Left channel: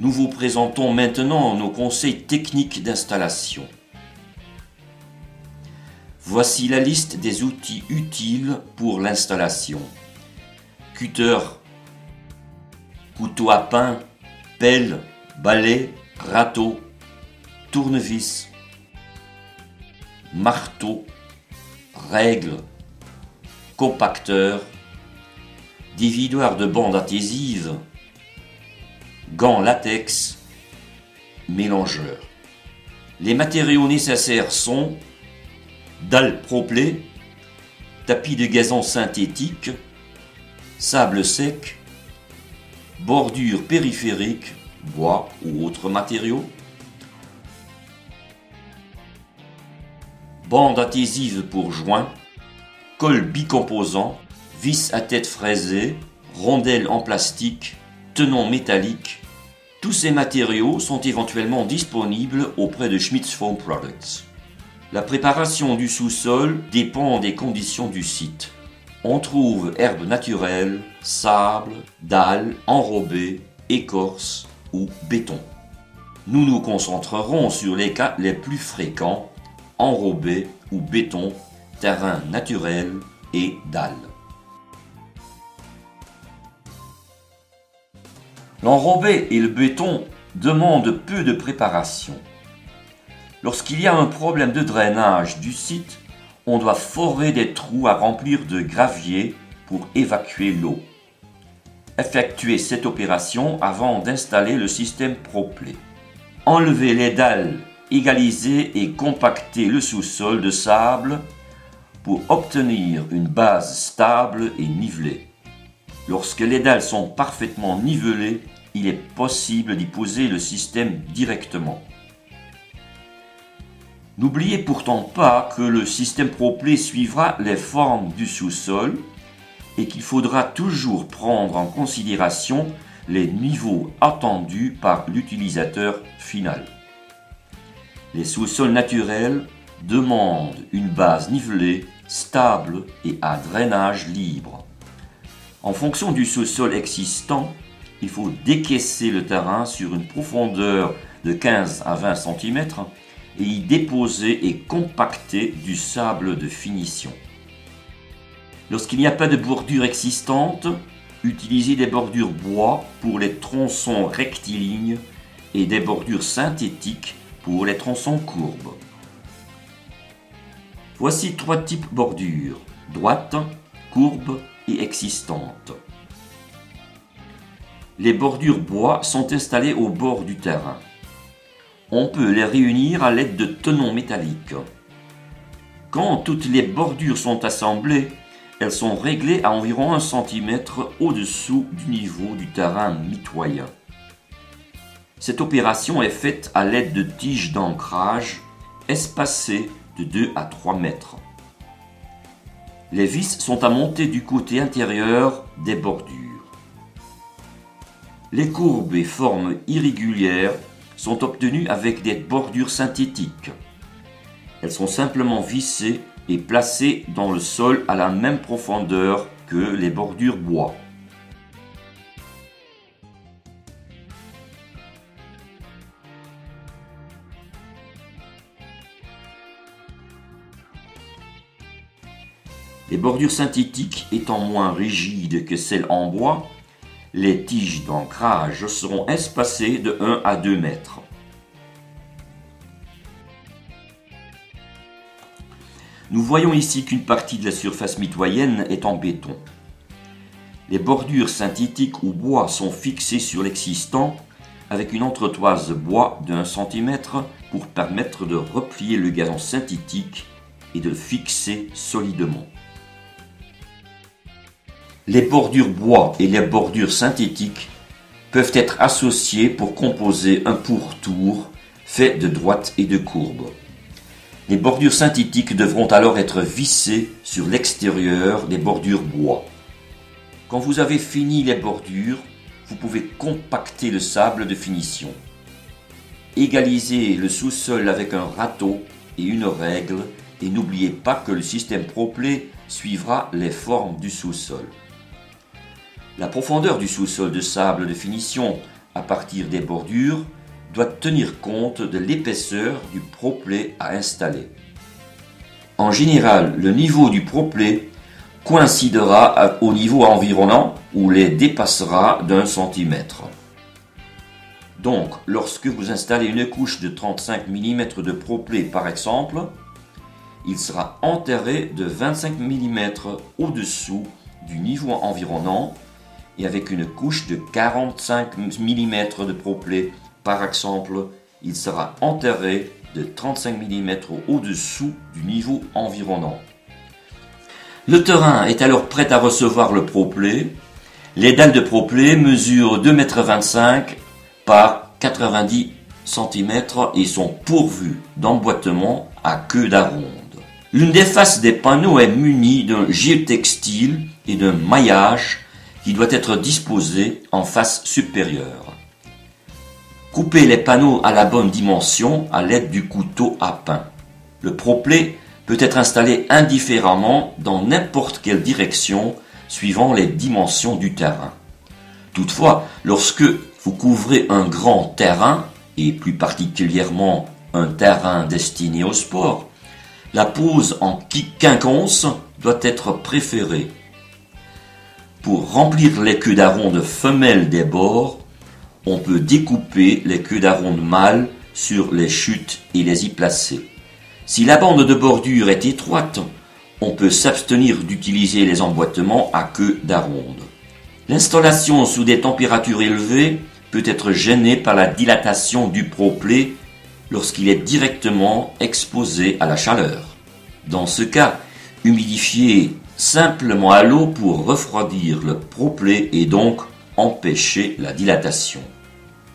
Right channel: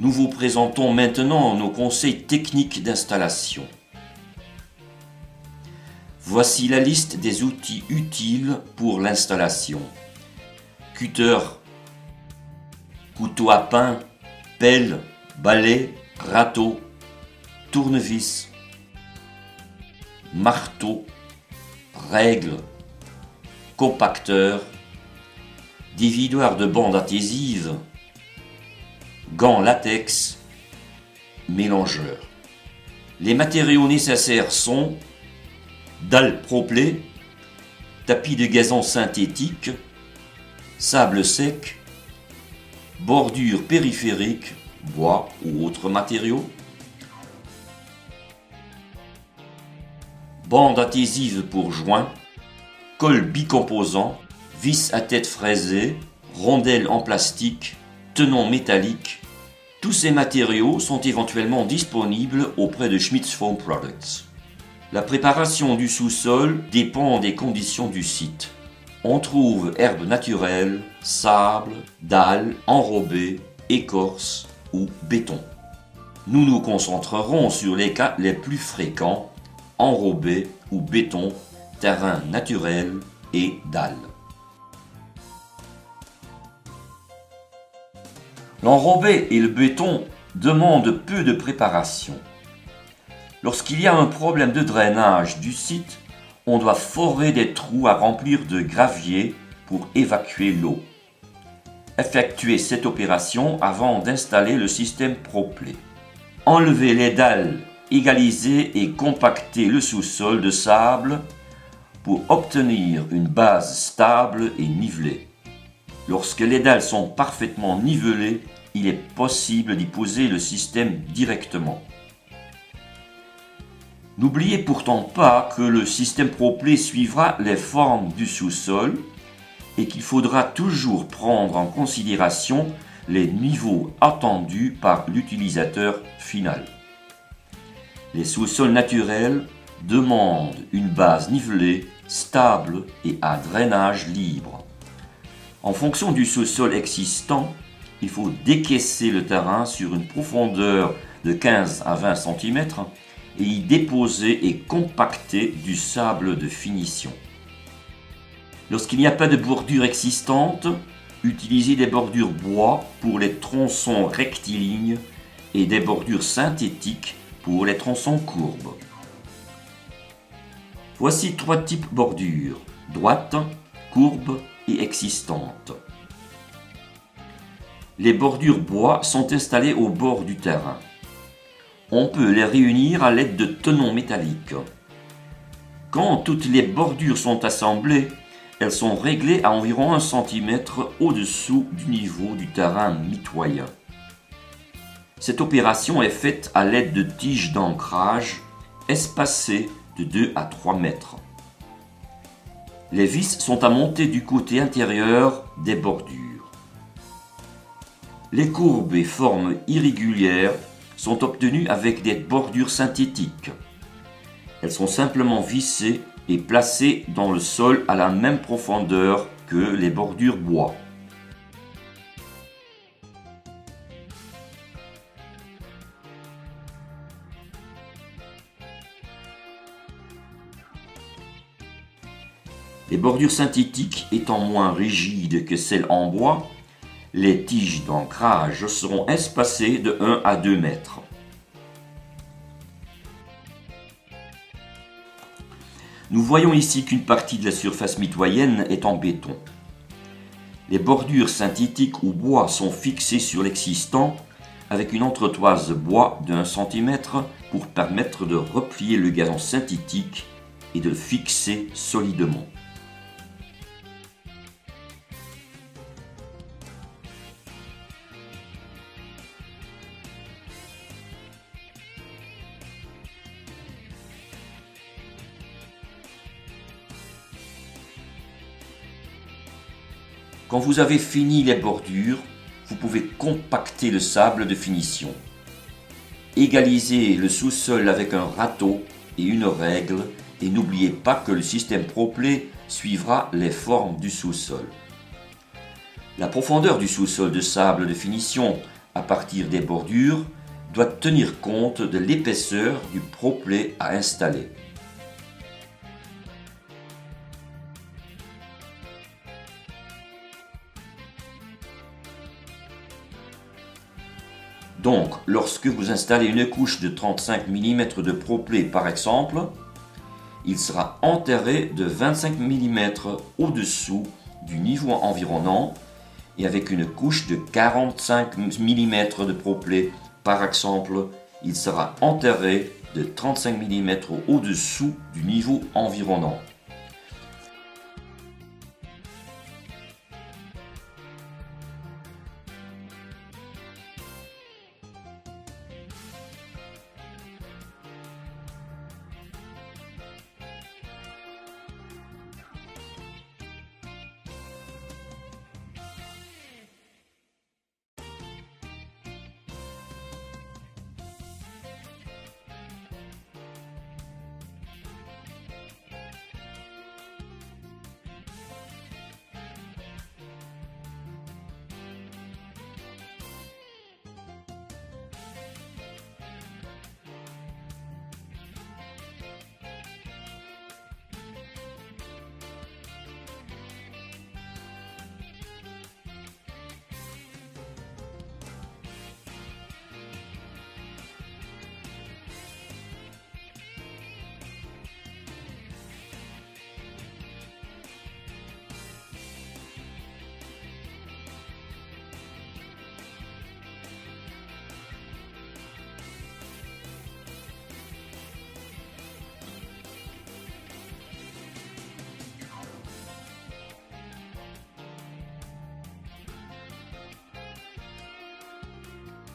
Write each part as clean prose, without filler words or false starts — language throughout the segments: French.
Nous vous présentons maintenant nos conseils techniques d'installation. Voici la liste des outils utiles pour l'installation. Cutter, couteau à pain, pelle, balai, râteau, tournevis, marteau, règle, compacteur, dividoir de bande adhésive, gants latex, mélangeur. Les matériaux nécessaires sont dalle Proplay, tapis de gazon synthétique, sable sec, bordure périphérique, bois ou autres matériaux, bande adhésive pour joints, colle bicomposant, vis à tête fraisée, rondelle en plastique, tenons métalliques. Tous ces matériaux sont éventuellement disponibles auprès de Schmitz Foam Products. La préparation du sous-sol dépend des conditions du site. On trouve herbes naturelles, sable, dalles, enrobées, écorce ou béton. Nous nous concentrerons sur les cas les plus fréquents, enrobés ou béton, terrain naturel et dalles. L'enrobé et le béton demandent peu de préparation. Lorsqu'il y a un problème de drainage du site, on doit forer des trous à remplir de gravier pour évacuer l'eau. Effectuez cette opération avant d'installer le système Proplay. Enlevez les dalles, égalisez et compactez le sous-sol de sable pour obtenir une base stable et nivelée. Lorsque les dalles sont parfaitement nivelées, il est possible d'y poser le système directement. N'oubliez pourtant pas que le système Proplay suivra les formes du sous-sol et qu'il faudra toujours prendre en considération les niveaux attendus par l'utilisateur final. Les sous-sols naturels demandent une base nivelée, stable et à drainage libre. En fonction du sous-sol existant, il faut décaisser le terrain sur une profondeur de 15 à 20 cm et y déposer et compacter du sable de finition. Lorsqu'il n'y a pas de bordure existante, utilisez des bordures bois pour les tronçons rectilignes et des bordures synthétiques pour les tronçons courbes. Voici 3 types de bordures, droite, courbe et existantes. Les bordures bois sont installées au bord du terrain. On peut les réunir à l'aide de tenons métalliques. Quand toutes les bordures sont assemblées, elles sont réglées à environ 1 cm au-dessous du niveau du terrain mitoyen. Cette opération est faite à l'aide de tiges d'ancrage espacées de 2 à 3 mètres. Les vis sont à monter du côté intérieur des bordures. Les courbes et formes irrégulières sont obtenues avec des bordures synthétiques. Elles sont simplement vissées et placées dans le sol à la même profondeur que les bordures bois. Les bordures synthétiques étant moins rigides que celles en bois, les tiges d'ancrage seront espacées de 1 à 2 mètres. Nous voyons ici qu'une partie de la surface mitoyenne est en béton. Les bordures synthétiques ou bois sont fixées sur l'existant avec une entretoise bois de 1 cm pour permettre de replier le gazon synthétique et de le fixer solidement. Les bordures bois et les bordures synthétiques peuvent être associées pour composer un pourtour fait de droite et de courbe. Les bordures synthétiques devront alors être vissées sur l'extérieur des bordures bois. Quand vous avez fini les bordures, vous pouvez compacter le sable de finition. Égalisez le sous-sol avec un râteau et une règle et n'oubliez pas que le système Proplay suivra les formes du sous-sol. La profondeur du sous-sol de sable de finition à partir des bordures doit tenir compte de l'épaisseur du proplé à installer. En général, le niveau du proplé coïncidera au niveau environnant ou les dépassera d'1 centimètre. Donc, lorsque vous installez une couche de 35 mm de proplé par exemple, il sera enterré de 25 mm au-dessous du niveau environnant et avec une couche de 45 mm de proplé par exemple, il sera enterré de 35 mm au-dessous du niveau environnant. Le terrain est alors prêt à recevoir le proplé. Les dalles de proplé mesurent 2,25 m par 90 cm et sont pourvues d'emboîtements à queue d'aronde. L'une des faces des panneaux est munie d'un géotextile et d'un maillage qui doit être disposé en face supérieure. Coupez les panneaux à la bonne dimension à l'aide du couteau à pain. Le proplé peut être installé indifféremment dans n'importe quelle direction suivant les dimensions du terrain. Toutefois, lorsque vous couvrez un grand terrain, et plus particulièrement un terrain destiné au sport, la pose en quinconce doit être préférée. Pour remplir les queues d'aronde femelles des bords, on peut découper les queues d'aronde mâles sur les chutes et les y placer. Si la bande de bordure est étroite, on peut s'abstenir d'utiliser les emboîtements à queue d'aronde. L'installation sous des températures élevées peut être gênée par la dilatation du proplé lorsqu'il est directement exposé à la chaleur. Dans ce cas, humidifiez simplement à l'eau pour refroidir le proplé et donc empêcher la dilatation.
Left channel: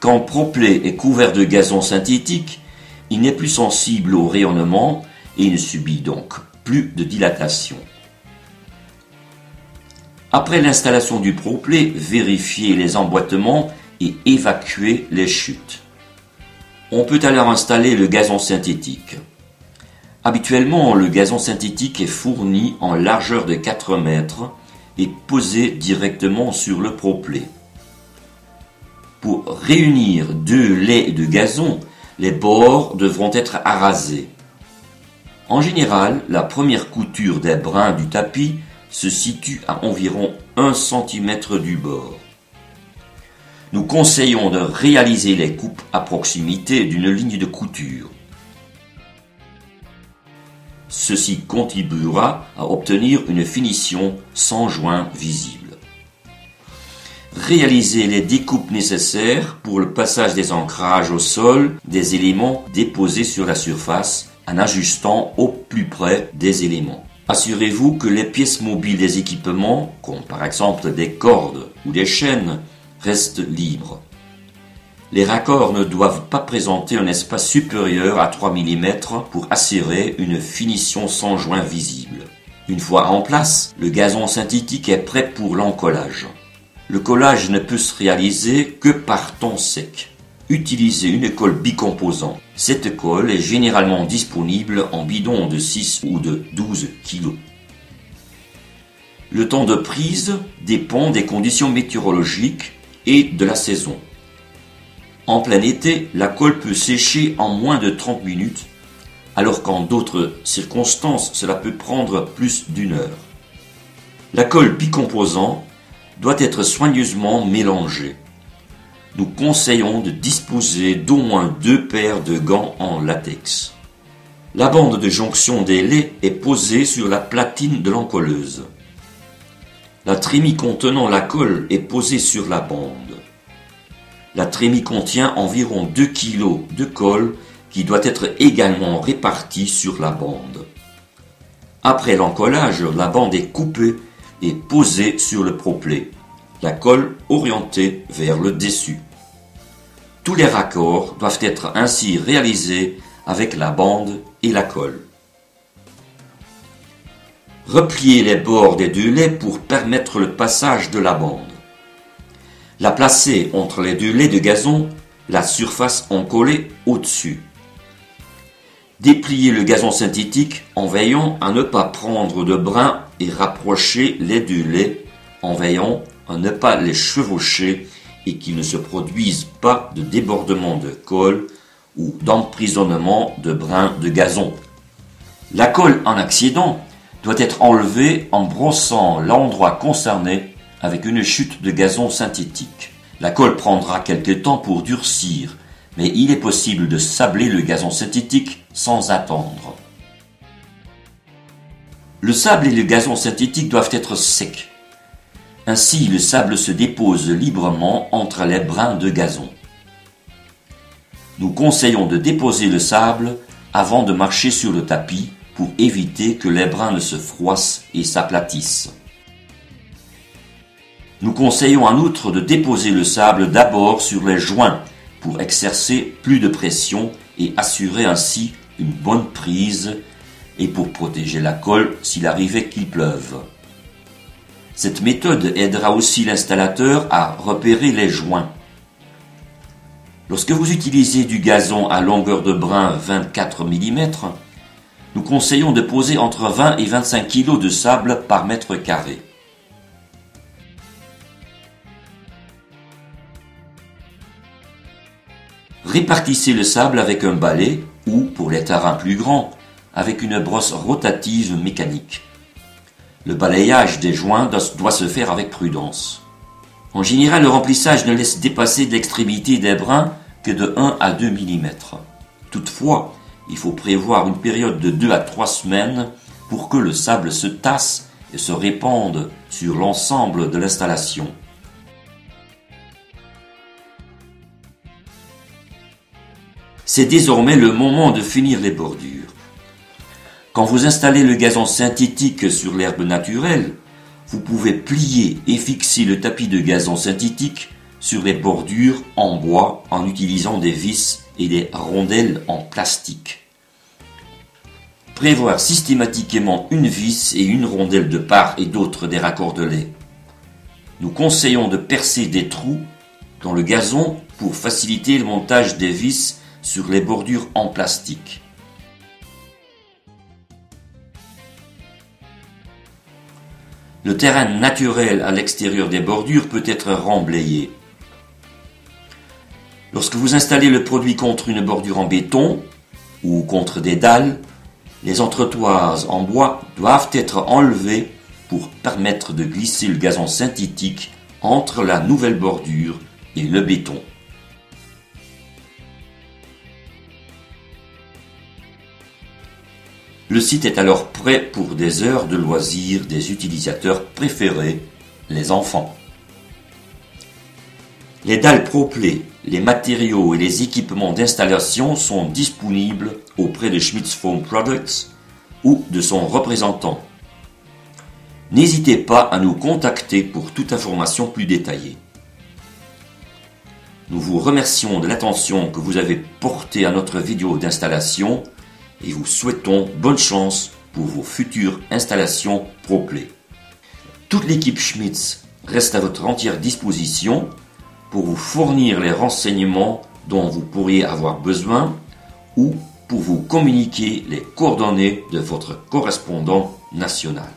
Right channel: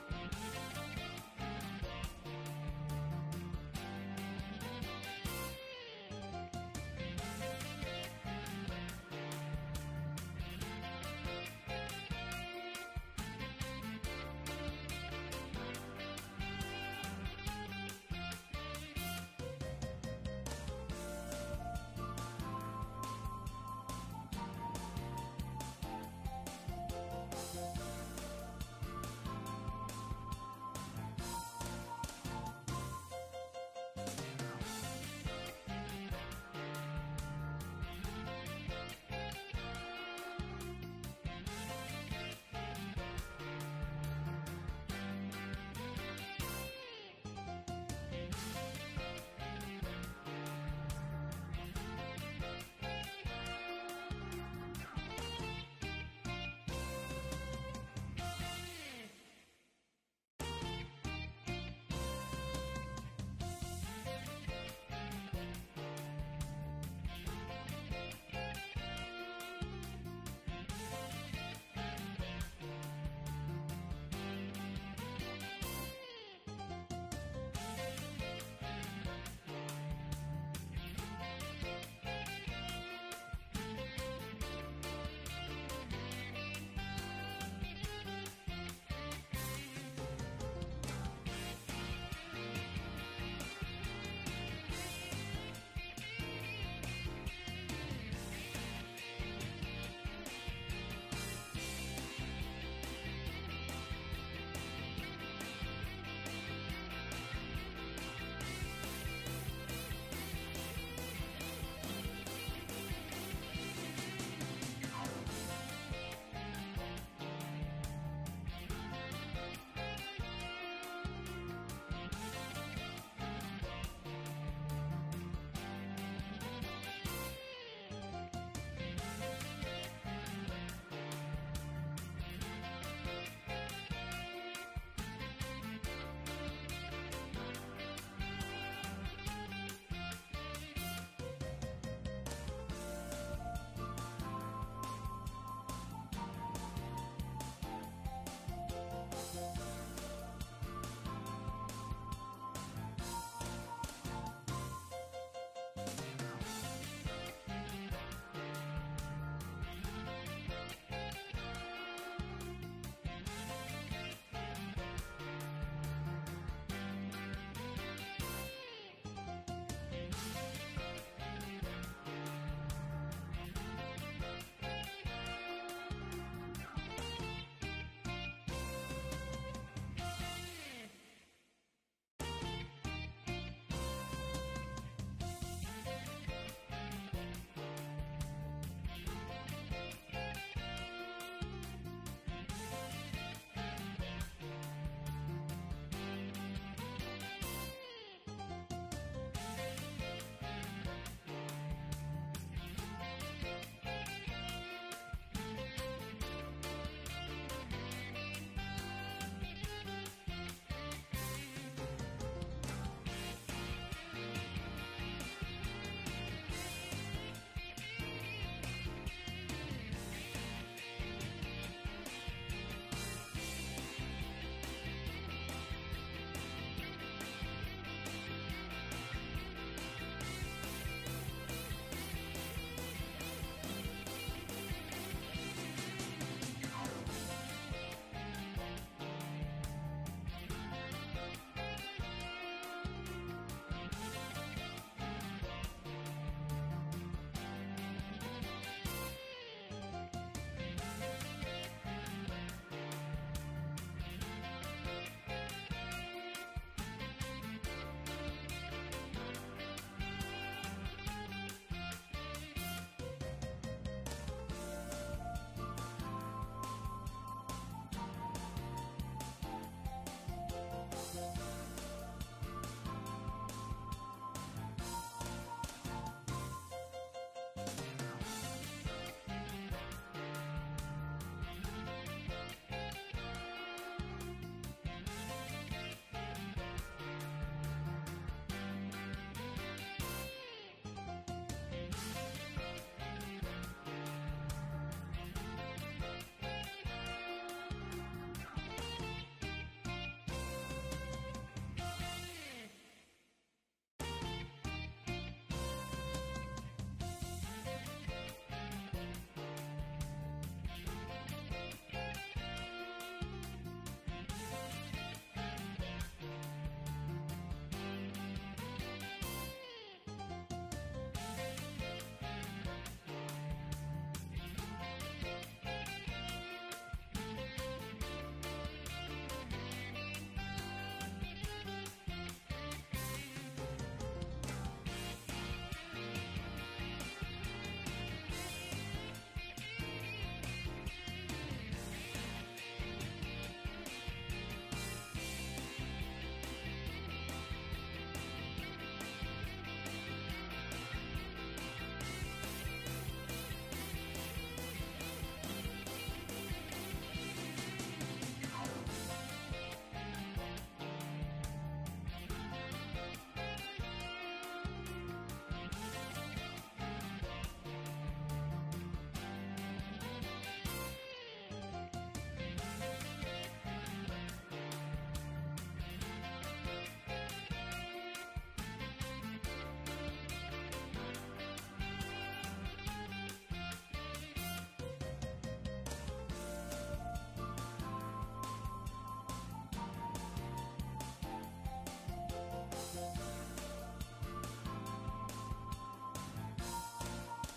Quand le proplé est couvert de gazon synthétique, il n'est plus sensible au rayonnement et il ne subit donc plus de dilatation. Après l'installation du proplé, vérifiez les emboîtements et évacuez les chutes. On peut alors installer le gazon synthétique. Habituellement, le gazon synthétique est fourni en largeur de 4 mètres et posé directement sur le proplé. Pour réunir 2 laits de gazon, les bords devront être arasés. En général, la première couture des brins du tapis se situe à environ 1 cm du bord. Nous conseillons de réaliser les coupes à proximité d'une ligne de couture. Ceci contribuera à obtenir une finition sans joint visible. Réalisez les découpes nécessaires pour le passage des ancrages au sol des éléments déposés sur la surface en ajustant au plus près des éléments. Assurez-vous que les pièces mobiles des équipements, comme par exemple des cordes ou des chaînes, restent libres. Les raccords ne doivent pas présenter un espace supérieur à 3 mm pour assurer une finition sans joint visible. Une fois en place, le gazon synthétique est prêt pour l'encollage. Le collage ne peut se réaliser que par temps sec. Utilisez une colle bicomposant. Cette colle est généralement disponible en bidon de 6 ou de 12 kg. Le temps de prise dépend des conditions météorologiques et de la saison. En plein été, la colle peut sécher en moins de 30 minutes, alors qu'en d'autres circonstances, cela peut prendre plus d'1 heure. La colle bicomposant doit être soigneusement mélangée. Nous conseillons de disposer d'au moins 2 paires de gants en latex. La bande de jonction des laits est posée sur la platine de l'encolleuse. La trémie contenant la colle est posée sur la bande. La trémie contient environ 2 kg de colle qui doit être également répartie sur la bande. Après l'encollage, la bande est coupée et posée sur le proplé, la colle orientée vers le dessus. Tous les raccords doivent être ainsi réalisés avec la bande et la colle. Repliez les bords des 2 laits pour permettre le passage de la bande. La placez entre les 2 laits de gazon, la surface encollée au-dessus. Dépliez le gazon synthétique en veillant à ne pas prendre de brin et rapprocher les 2 laits en veillant à ne pas les chevaucher et qu'il ne se produise pas de débordement de colle ou d'emprisonnement de brins de gazon. La colle en accident doit être enlevée en brossant l'endroit concerné avec une chute de gazon synthétique. La colle prendra quelque temps pour durcir, mais il est possible de sabler le gazon synthétique sans attendre. Le sable et le gazon synthétique doivent être secs. Ainsi, le sable se dépose librement entre les brins de gazon. Nous conseillons de déposer le sable avant de marcher sur le tapis pour éviter que les brins ne se froissent et s'aplatissent. Nous conseillons en outre de déposer le sable d'abord sur les joints pour exercer plus de pression et assurer ainsi une bonne prise et pour protéger la colle s'il arrivait qu'il pleuve. Cette méthode aidera aussi l'installateur à repérer les joints. Lorsque vous utilisez du gazon à longueur de brin 24 mm, nous conseillons de poser entre 20 et 25 kg de sable par mètre carré. Répartissez le sable avec un balai ou, pour les terrains plus grands, avec une brosse rotative mécanique. Le balayage des joints doit se faire avec prudence. En général, le remplissage ne laisse dépasser l'extrémité des brins que de 1 à 2 mm. Toutefois, il faut prévoir une période de 2 à 3 semaines pour que le sable se tasse et se répande sur l'ensemble de l'installation. C'est désormais le moment de finir les bordures. Quand vous installez le gazon synthétique sur l'herbe naturelle, vous pouvez plier et fixer le tapis de gazon synthétique sur les bordures en bois en utilisant des vis et des rondelles en plastique. Prévoir systématiquement une vis et une rondelle de part et d'autre des raccordelets. Nous conseillons de percer des trous dans le gazon pour faciliter le montage des vis sur les bordures en plastique. Le terrain naturel à l'extérieur des bordures peut être remblayé. Lorsque vous installez le produit contre une bordure en béton ou contre des dalles, les entretoises en bois doivent être enlevées pour permettre de glisser le gazon synthétique entre la nouvelle bordure et le béton. Le site est alors prêt pour des heures de loisirs des utilisateurs préférés, les enfants. Les dalles ProPlay, les matériaux et les équipements d'installation sont disponibles auprès de Schmitz Foam Products ou de son représentant. N'hésitez pas à nous contacter pour toute information plus détaillée. Nous vous remercions de l'attention que vous avez portée à notre vidéo d'installation et vous souhaitons bonne chance pour vos futures installations ProPlay. Toute l'équipe Schmitz reste à votre entière disposition pour vous fournir les renseignements dont vous pourriez avoir besoin ou pour vous communiquer les coordonnées de votre correspondant national.